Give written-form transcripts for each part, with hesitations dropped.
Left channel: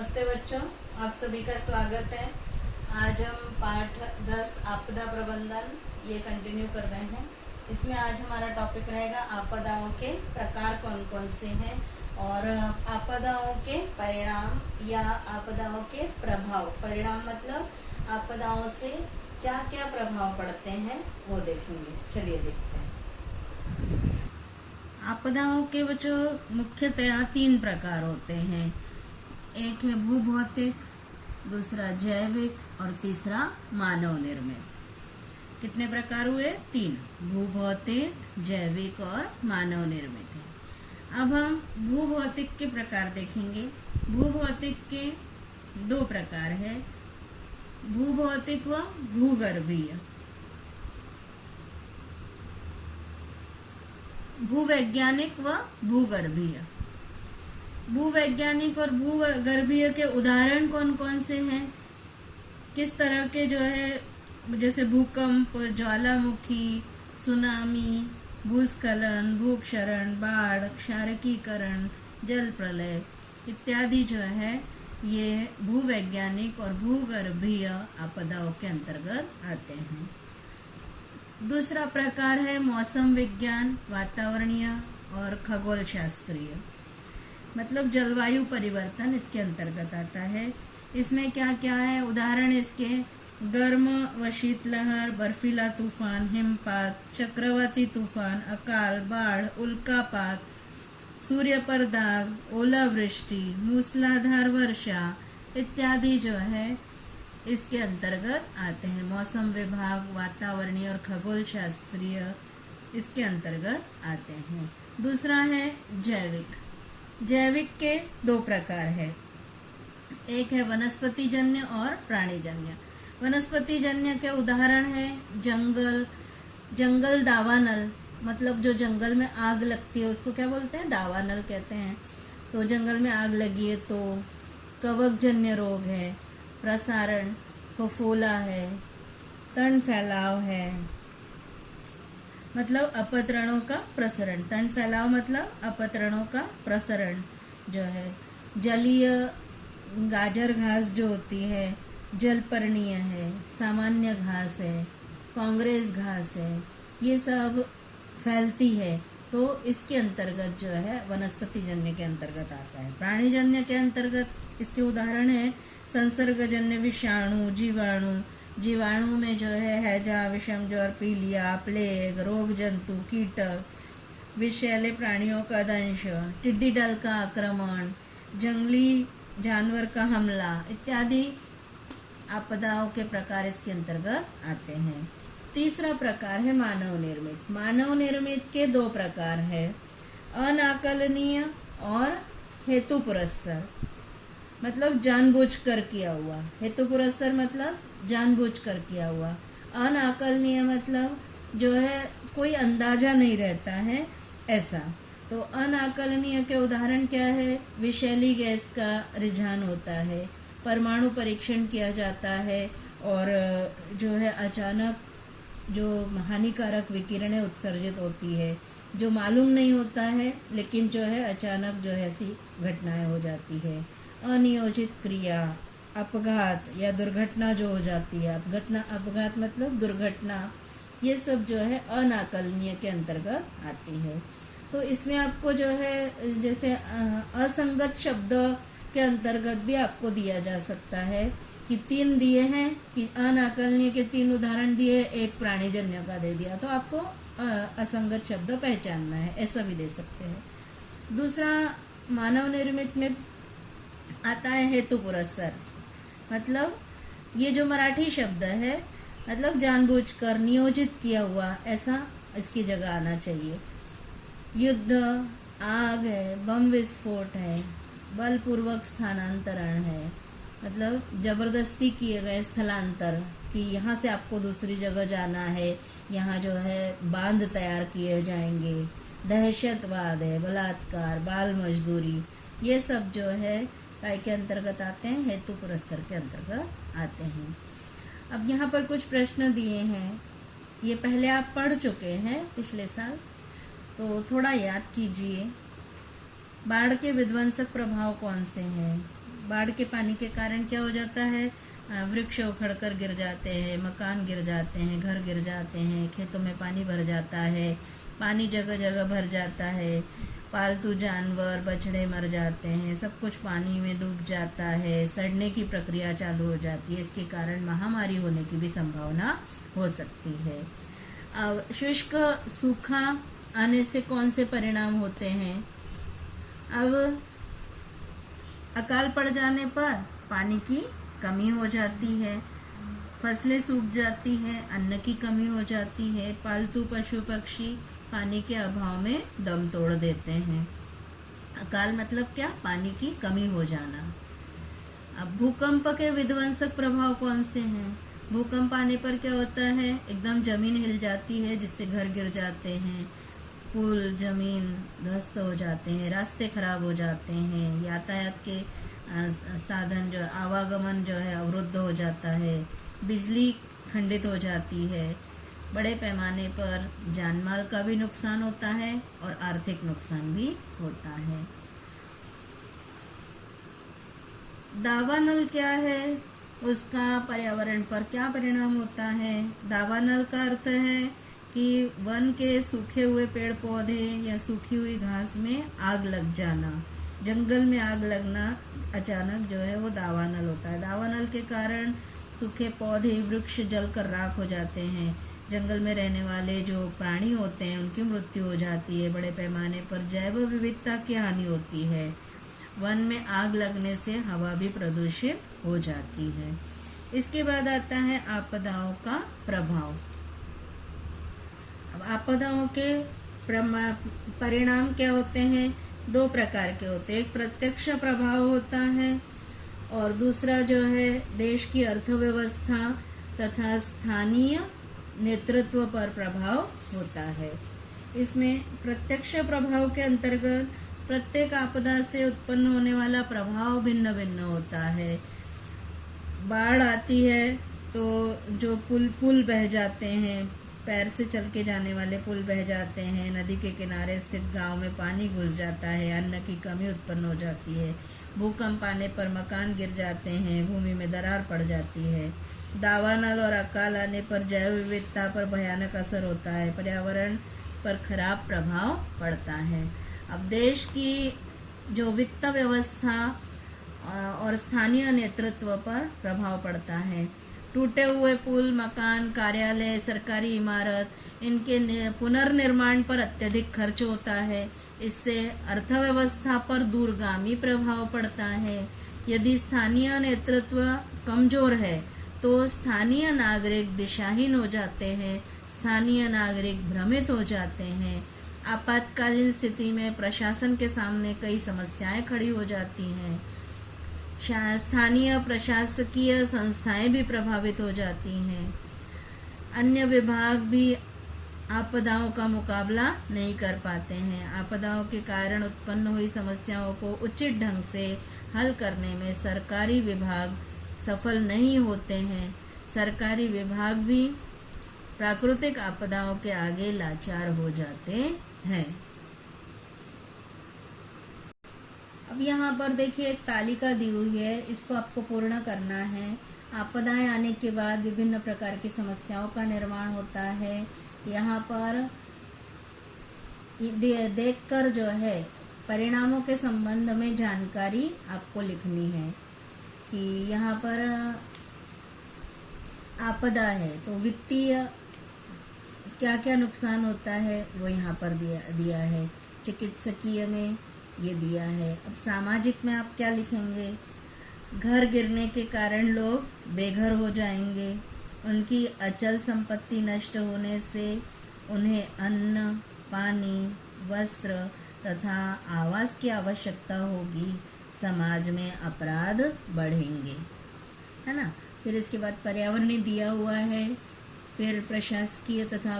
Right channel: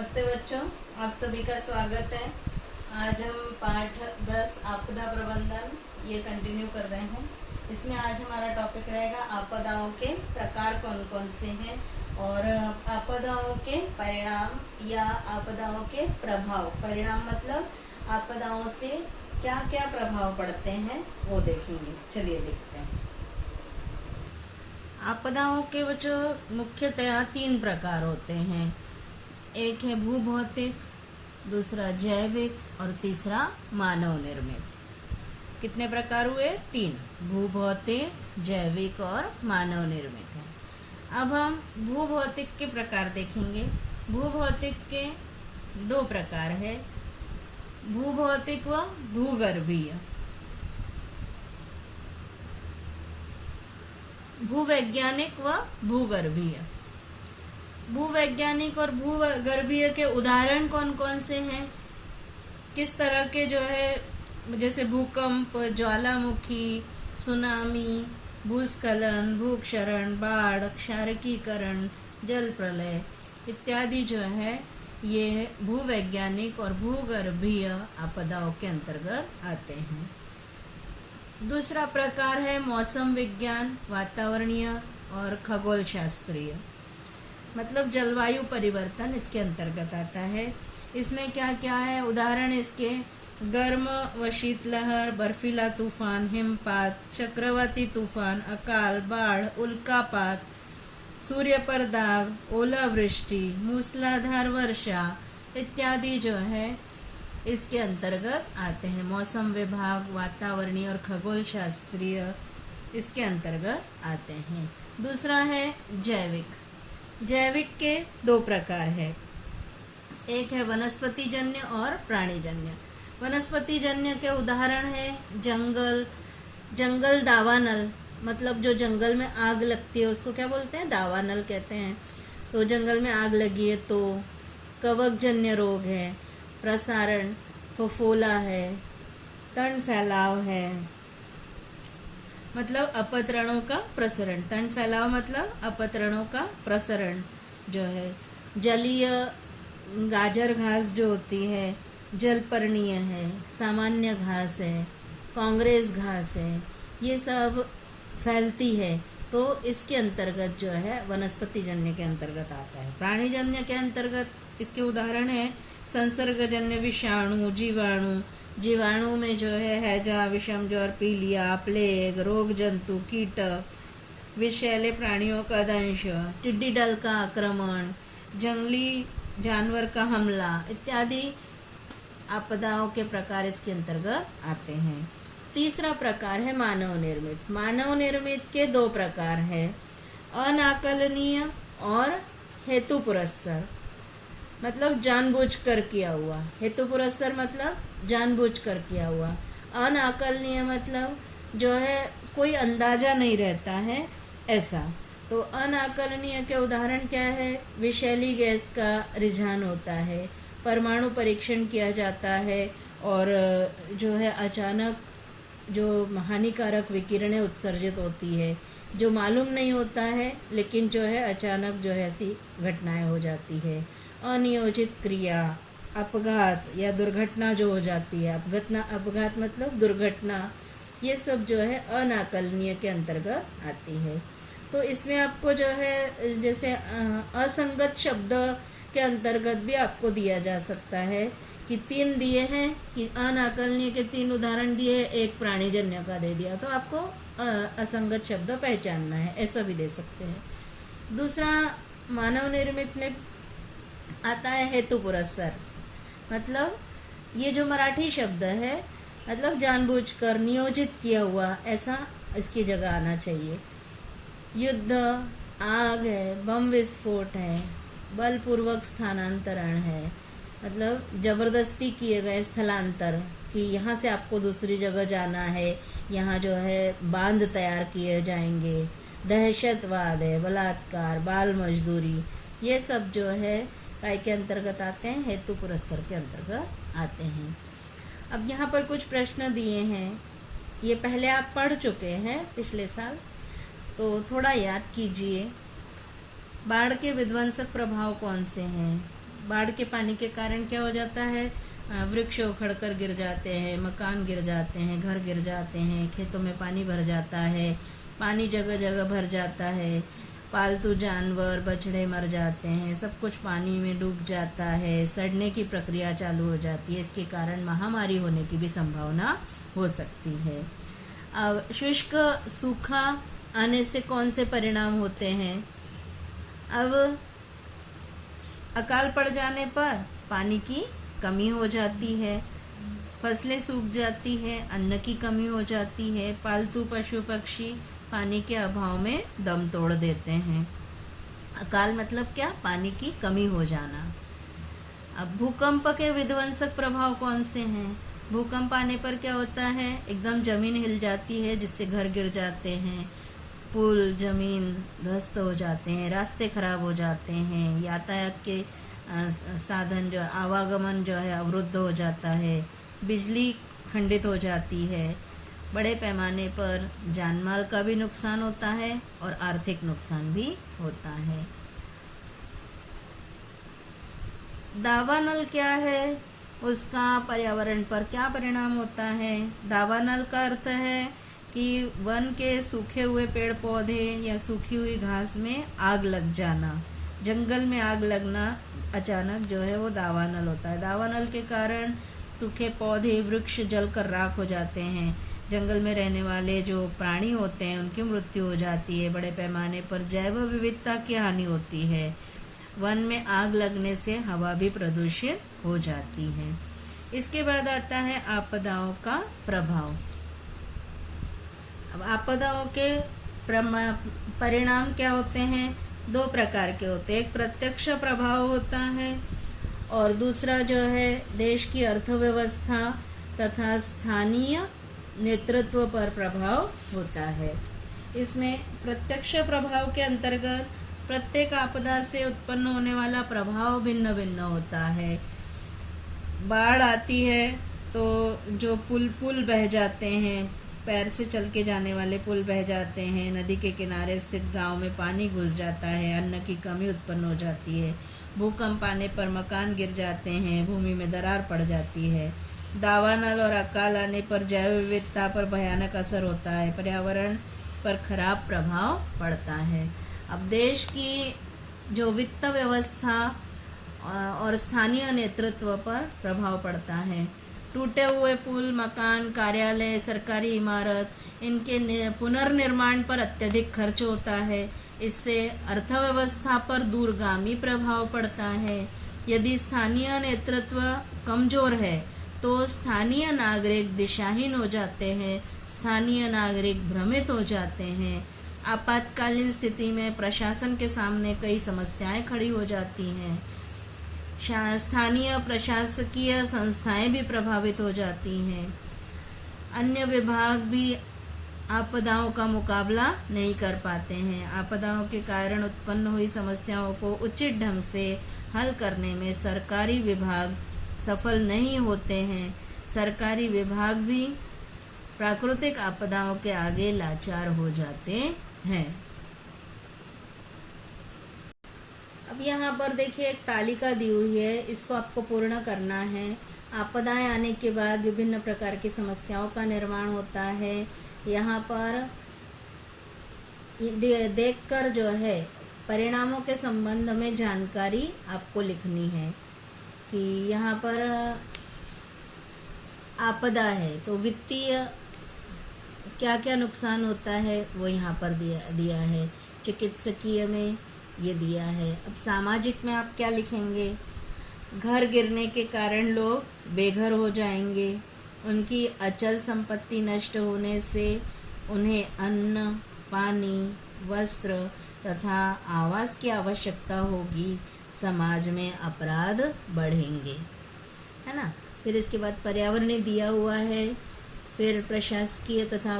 नमस्ते बच्चों, आप सभी का स्वागत है। आज हम पाठ 10 आपदा प्रबंधन ये कंटिन्यू कर रहे हैं। इसमें आज हमारा टॉपिक रहेगा आपदाओं के प्रकार कौन कौन से हैं और आपदाओं के परिणाम या आपदाओं के प्रभाव। परिणाम मतलब आपदाओं से क्या क्या प्रभाव पड़ते हैं वो देखेंगे। चलिए देखते हैं। आपदाओं के बच्चों मुख्यतया 3 प्रकार होते हैं। एक है भूभौतिक, दूसरा जैविक और तीसरा मानव निर्मित। कितने प्रकार हुए? 3। भूभौतिक, जैविक और मानव निर्मित है। अब हम भूभौतिक के प्रकार देखेंगे। भूभौतिक के 2 प्रकार है, भूभौतिक व भूगर्भीय। भूवैज्ञानिक व भूगर्भीय। भूवैज्ञानिक और भूगर्भीय के उदाहरण कौन कौन से हैं? किस तरह के जो है, जैसे भूकंप, ज्वालामुखी, सुनामी, भूस्खलन, भूक्षरण, बाढ़, क्षारकीकरण, जल प्रलय इत्यादि जो है ये भूवैज्ञानिक और भूगर्भीय आपदाओं के अंतर्गत आते हैं। दूसरा प्रकार है मौसम विज्ञान, वातावरणीय और खगोल शास्त्रीय, मतलब जलवायु परिवर्तन इसके अंतर्गत आता है। इसमें क्या क्या है? उदाहरण इसके गर्म व शीतलहर, बर्फीला तूफान, हिमपात, चक्रवाती तूफान, अकाल, बाढ़, उल्कापात, सूर्य पर दाग, ओलावृष्टि, मूसलाधार वर्षा इत्यादि जो है इसके अंतर्गत आते हैं। मौसम विभाग, वातावरणीय और खगोल शास्त्रीय इसके अंतर्गत आते हैं। दूसरा है जैविक। जैविक के 2 प्रकार है, एक है वनस्पतिजन्य और प्राणीजन्य। वनस्पतिजन्य के उदाहरण है जंगल दावानल, मतलब जो जंगल में आग लगती है उसको क्या बोलते हैं? दावानल कहते हैं। तो जंगल में आग लगी है तो कवकजन्य रोग है, प्रसारण फफोला है, तण फैलाव है, मतलब अपतरणों का प्रसरण। तण फैलाव मतलब अपतरणों का प्रसरण जो है। जलीय गाजर घास जो होती है, जलपर्णीय है, सामान्य घास है, कांग्रेस घास है, ये सब फैलती है तो इसके अंतर्गत जो है वनस्पतिजन्य के अंतर्गत आता है। प्राणीजन्य के अंतर्गत इसके उदाहरण है संसर्गजन्य विषाणु, जीवाणु। जीवाणु में जो है हैजा, विषम ज्वर, पीलिया, प्लेग, रोग जंतु, कीटक, विषैले प्राणियों का दंश, टिड्डी दल का आक्रमण, जंगली जानवर का हमला इत्यादि आपदाओं के प्रकार इसके अंतर्गत आते हैं। तीसरा प्रकार है मानव निर्मित। मानव निर्मित के 2 प्रकार है, अनाकलनीय और हेतु पुरस्सर, मतलब जानबूझकर किया हुआ। हेतु पुरस्सर मतलब जानबूझकर किया हुआ। अनाकलनीय मतलब जो है कोई अंदाजा नहीं रहता है ऐसा। तो अनाकलनीय के उदाहरण क्या है? विषैली गैस का रुझान होता है, परमाणु परीक्षण किया जाता है और जो है अचानक जो हानिकारक विकिरणें उत्सर्जित होती है जो मालूम नहीं होता है, लेकिन जो है अचानक जो है ऐसी घटनाएं हो जाती है। अनियोजित क्रिया, अपघात या दुर्घटना जो हो जाती है, अपघात मतलब दुर्घटना, ये सब जो है अनाकलनीय के अंतर्गत आती है। तो इसमें आपको जो है जैसे असंगत शब्द के अंतर्गत भी आपको दिया जा सकता है कि 3 दिए हैं कि अनाकलनीय के 3 उदाहरण दिए, एक प्राणीजन्य का दे दिया, तो आपको असंगत शब्द पहचानना है, ऐसा भी दे सकते हैं। दूसरा मानव निर्मित में आता है हेतु पुरस्सर, मतलब ये जो मराठी शब्द है मतलब जानबूझकर नियोजित किया हुआ, ऐसा इसकी जगह आना चाहिए। युद्ध, आग है, बम विस्फोट है, बलपूर्वक स्थानांतरण है, मतलब जबरदस्ती किए गए स्थलांतर कि यहाँ से आपको दूसरी जगह जाना है, यहाँ जो है बांध तैयार किए जाएंगे। दहशतवाद है, बलात्कार, बाल मजदूरी, ये सब जो है काय के अंतर्गत आते हैं? हेतु पुरस्सर के अंतर्गत आते हैं। अब यहाँ पर कुछ प्रश्न दिए हैं, ये पहले आप पढ़ चुके हैं पिछले साल, तो थोड़ा याद कीजिए। बाढ़ के विध्वंसक प्रभाव कौन से हैं? बाढ़ के पानी के कारण क्या हो जाता है, वृक्ष उखड़ कर गिर जाते हैं, मकान गिर जाते हैं, घर गिर जाते हैं, खेतों में पानी भर जाता है, पानी जगह जगह भर जाता है, पालतू जानवर बछड़े मर जाते हैं, सब कुछ पानी में डूब जाता है, सड़ने की प्रक्रिया चालू हो जाती है। इसके कारण महामारी होने की भी संभावना हो सकती है। अब शुष्क सूखा आने से कौन से परिणाम होते हैं? अब अकाल पड़ जाने पर पानी की कमी हो जाती है, फसलें सूख जाती हैं, अन्न की कमी हो जाती है, पालतू पशु पक्षी पानी के अभाव में दम तोड़ देते हैं। अकाल मतलब क्या? पानी की कमी हो जाना। अब भूकंप के विध्वंसक प्रभाव कौन से हैं? भूकंप आने पर क्या होता है, एकदम जमीन हिल जाती है, जिससे घर गिर जाते हैं, पुल जमीन ध्वस्त हो जाते हैं, रास्ते खराब हो जाते हैं, यातायात के साधन जो आवागमन जो है अवरुद्ध हो जाता है, बिजली खंडित हो जाती है, बड़े पैमाने पर जानमाल का भी नुकसान होता है और आर्थिक नुकसान भी होता है। दावानल क्या है, उसका पर्यावरण पर क्या परिणाम होता है? दावानल का अर्थ है कि वन के सूखे हुए पेड़ पौधे या सूखी हुई घास में आग लग जाना, जंगल में आग लगना अचानक जो है वो दावानल होता है। दावानल के कारण सूखे पौधे वृक्ष जलकर राख हो जाते हैं, जंगल में रहने वाले जो प्राणी होते हैं उनकी मृत्यु हो जाती है, बड़े पैमाने पर जैव विविधता की हानि होती है, वन में आग लगने से हवा भी प्रदूषित हो जाती है। इसके बाद आता है आपदाओं का प्रभाव। अब आपदाओं के परिणाम क्या होते हैं? दो प्रकार के होते हैं, एक प्रत्यक्ष प्रभाव होता है और दूसरा जो है देश की अर्थव्यवस्था तथा स्थानीय नेतृत्व पर प्रभाव होता है। इसमें प्रत्यक्ष प्रभाव के अंतर्गत प्रत्येक आपदा से उत्पन्न होने वाला प्रभाव भिन्न भिन्न होता है। बाढ़ आती है तो जो पुल बह जाते हैं, पैर से चल के जाने वाले पुल बह जाते हैं, नदी के किनारे स्थित गांव में पानी घुस जाता है, अन्न की कमी उत्पन्न हो जाती है, भूकंप आने पर मकान गिर जाते हैं, भूमि में दरार पड़ जाती है, दावानल और अकाल आने पर जैव विविधता पर भयानक असर होता है, पर्यावरण पर खराब प्रभाव पड़ता है। अब देश की जो वित्त व्यवस्था और स्थानीय नेतृत्व पर प्रभाव पड़ता है। टूटे हुए पुल, मकान, कार्यालय, सरकारी इमारत, इनके पुनर्निर्माण पर अत्यधिक खर्च होता है। इससे अर्थव्यवस्था पर दूरगामी प्रभाव पड़ता है। यदि स्थानीय नेतृत्व कमजोर है तो स्थानीय नागरिक दिशाहीन हो जाते हैं, स्थानीय नागरिक भ्रमित हो जाते हैं। आपातकालीन स्थिति में प्रशासन के सामने कई समस्याएं खड़ी हो जाती हैं। स्थानीय प्रशासकीय संस्थाएं भी प्रभावित हो जाती हैं। अन्य विभाग भी आपदाओं का मुकाबला नहीं कर पाते हैं। आपदाओं के कारण उत्पन्न हुई समस्याओं को उचित ढंग से हल करने में सरकारी विभाग सफल नहीं होते हैं। सरकारी विभाग भी प्राकृतिक आपदाओं के आगे लाचार हो जाते हैं। अब यहाँ पर देखिए एक तालिका दी हुई है, इसको आपको पूर्ण करना है। आपदाएं आने के बाद विभिन्न प्रकार की समस्याओं का निर्माण होता है। यहाँ पर देखकर जो है परिणामों के संबंध में जानकारी आपको लिखनी है कि यहाँ पर आपदा है तो वित्तीय क्या क्या नुकसान होता है वो यहाँ पर दिया है। चिकित्सकीय में ये दिया है। अब सामाजिक में आप क्या लिखेंगे? घर गिरने के कारण लोग बेघर हो जाएंगे, उनकी अचल संपत्ति नष्ट होने से उन्हें अन्न, पानी, वस्त्र तथा आवास की आवश्यकता होगी, समाज में अपराध बढ़ेंगे, है ना। फिर इसके बाद पर्यावरण दिया हुआ है, फिर प्रशासकीय तथा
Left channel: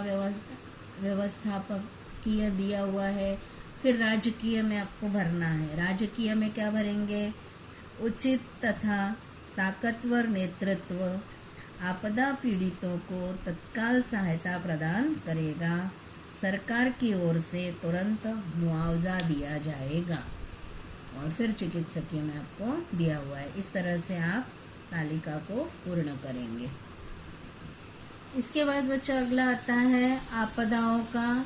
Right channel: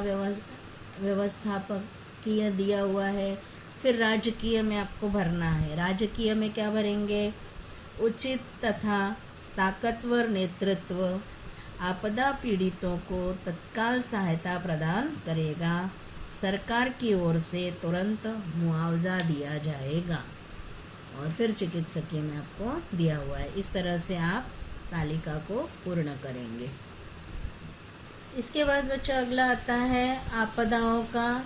व्यवस्थापकीय दिया हुआ है, फिर राजकीय में आपको भरना है। राजकीय में क्या भरेंगे? उचित तथा ताकतवर नेतृत्व आपदा पीड़ितों को तत्काल सहायता प्रदान करेगा, सरकार की ओर से तुरंत मुआवजा दिया जाएगा। और फिर चिकित्सकीय में आपको दिया हुआ है। इस तरह से आप तालिका को पूर्ण करेंगे। इसके बाद बच्चों अगला आता है आपदाओं का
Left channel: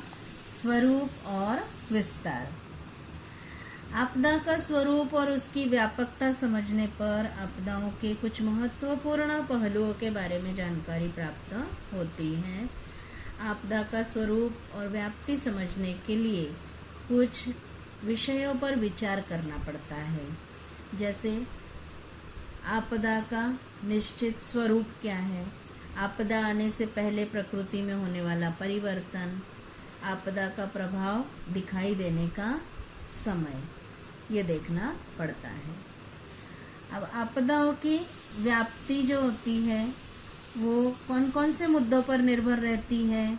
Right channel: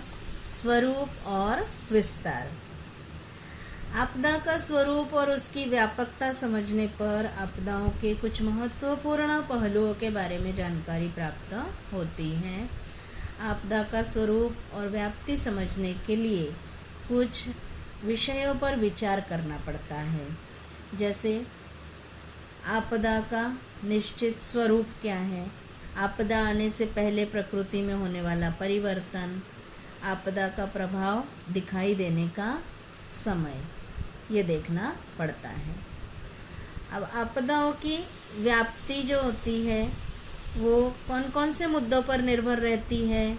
स्वरूप और विस्तार। आपदा का स्वरूप और उसकी व्यापकता समझने पर आपदाओं के कुछ महत्वपूर्ण पहलुओं के बारे में जानकारी प्राप्त होती है। आपदा का स्वरूप और व्याप्ति समझने के लिए कुछ विषयों पर विचार करना पड़ता है। जैसे आपदा का निश्चित स्वरूप क्या है, आपदा आने से पहले प्रकृति में होने वाला परिवर्तन, आपदा का प्रभाव दिखाई देने का समय, ये देखना पड़ता है। अब आपदाओं की व्याप्ति जो होती है वो कौन कौन से मुद्दों पर निर्भर रहती है।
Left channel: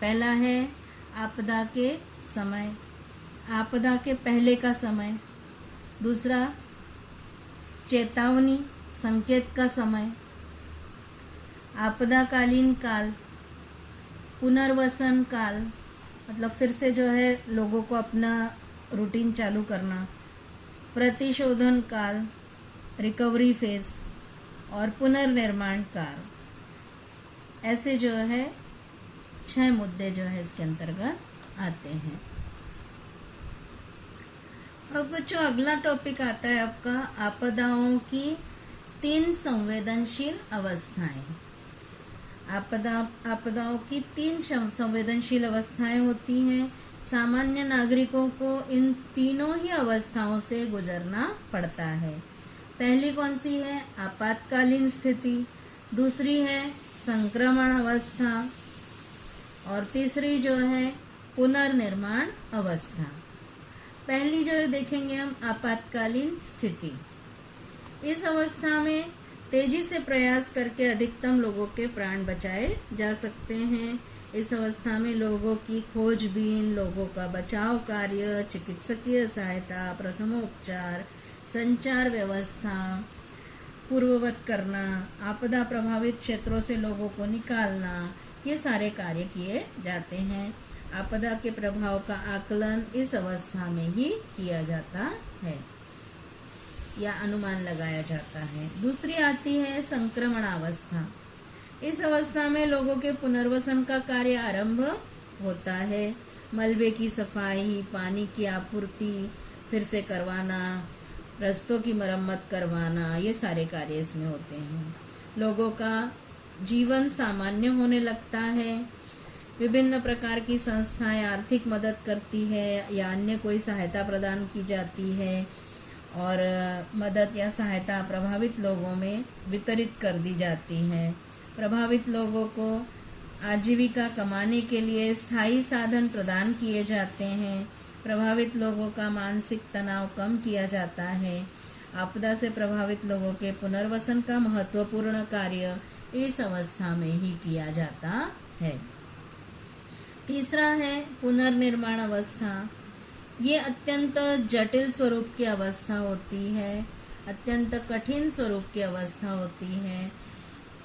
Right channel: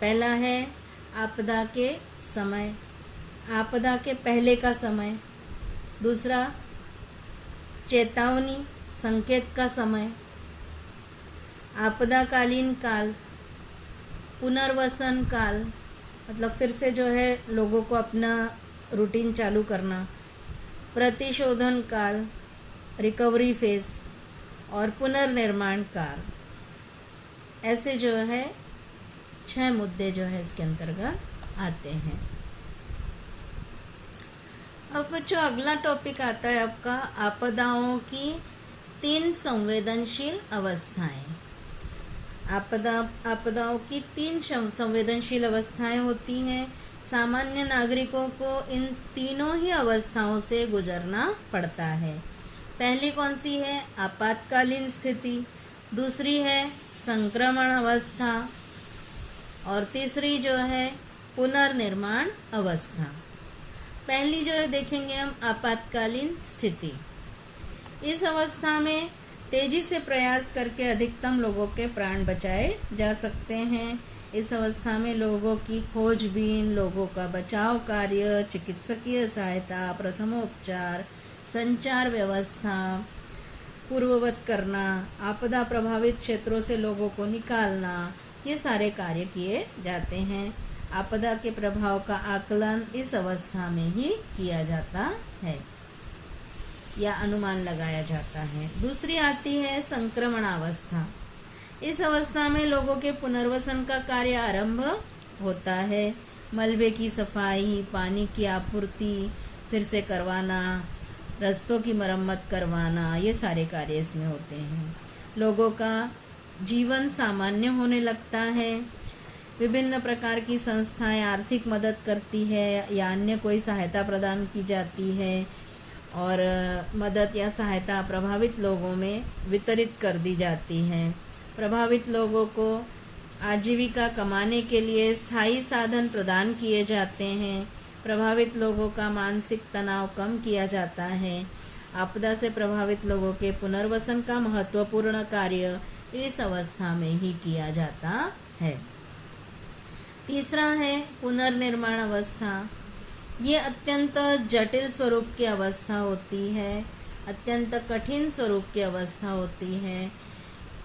पहला है आपदा के समय, आपदा के पहले का समय। दूसरा चेतावनी संकेत का समय, आपदाकालीन काल, पुनर्वसन काल मतलब फिर से जो है लोगों को अपना रूटीन चालू करना, प्रतिशोधन काल, रिकवरी फेज और पुनर्निर्माण काल। ऐसे जो है 6 मुद्दे जो है इसके अंतर्गत आते हैं। अब बच्चों अगला टॉपिक आता है आपका आपदाओं की 3 संवेदनशील अवस्थाएं। आपदाओं की 3 संवेदनशील अवस्थाएं होती हैं। सामान्य नागरिकों को इन तीनों ही अवस्थाओं से गुजरना पड़ता है। पहली कौन सी है? आपातकालीन स्थिति। दूसरी है संक्रमण अवस्था और तीसरी जो है पुनर्निर्माण अवस्था। पहली जो है देखेंगे हम आपातकालीन स्थिति। इस अवस्था में तेजी से प्रयास करके अधिकतम लोगों के प्राण बचाए जा सकते हैं। इस अवस्था में लोगों की खोजबीन, लोगों का बचाव कार्य, चिकित्सकीय सहायता, प्रथमोपचार, संचार व्यवस्था पूर्ववत करना, आपदा प्रभावित क्षेत्रों से लोगों को निकालना, ये सारे कार्य किए जाते हैं। आपदा के प्रभाव का आकलन इस अवस्था में ही किया जाता है या अनुमान लगाया जाता है। दूसरी आती है संक्रमण अवस्था। इस अवस्था में लोगों के पुनर्वसन का कार्य आरंभ होता है। मलबे की सफाई, पानी की आपूर्ति फिर से करवाना, रास्तों की मरम्मत करवाना, ये सारे कार्य इसमें होते हैं। लोगों का जीवन सामान्य होने लगता है। विभिन्न प्रकार की संस्थाएं आर्थिक मदद करती है या अन्य कोई सहायता प्रदान की जाती है और मदद या सहायता प्रभावित लोगों में वितरित कर दी जाती है। प्रभावित लोगों को आजीविका कमाने के लिए स्थायी साधन प्रदान किए जाते हैं। प्रभावित लोगों का मानसिक तनाव कम किया जाता है। आपदा से प्रभावित लोगों के पुनर्वसन का महत्वपूर्ण कार्य इस अवस्था में ही किया जाता है। तीसरा है पुनर्निर्माण अवस्था। ये अत्यंत जटिल स्वरूप की अवस्था होती है, अत्यंत कठिन स्वरूप की अवस्था होती है,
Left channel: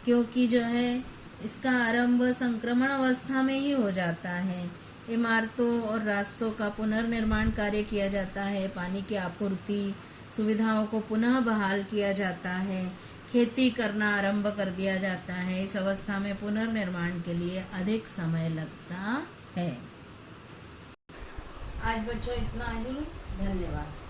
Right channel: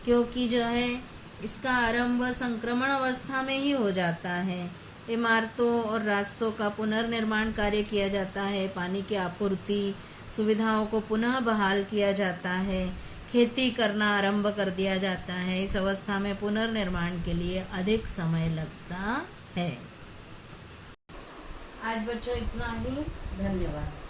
क्योंकि जो है इसका आरंभ संक्रमण अवस्था में ही हो जाता है। इमारतों और रास्तों का पुनर्निर्माण कार्य किया जाता है, पानी की आपूर्ति सुविधाओं को पुनः बहाल किया जाता है, खेती करना आरंभ कर दिया जाता है। इस अवस्था में पुनर्निर्माण के लिए अधिक समय लगता है। आज बच्चों इतना ही, धन्यवाद।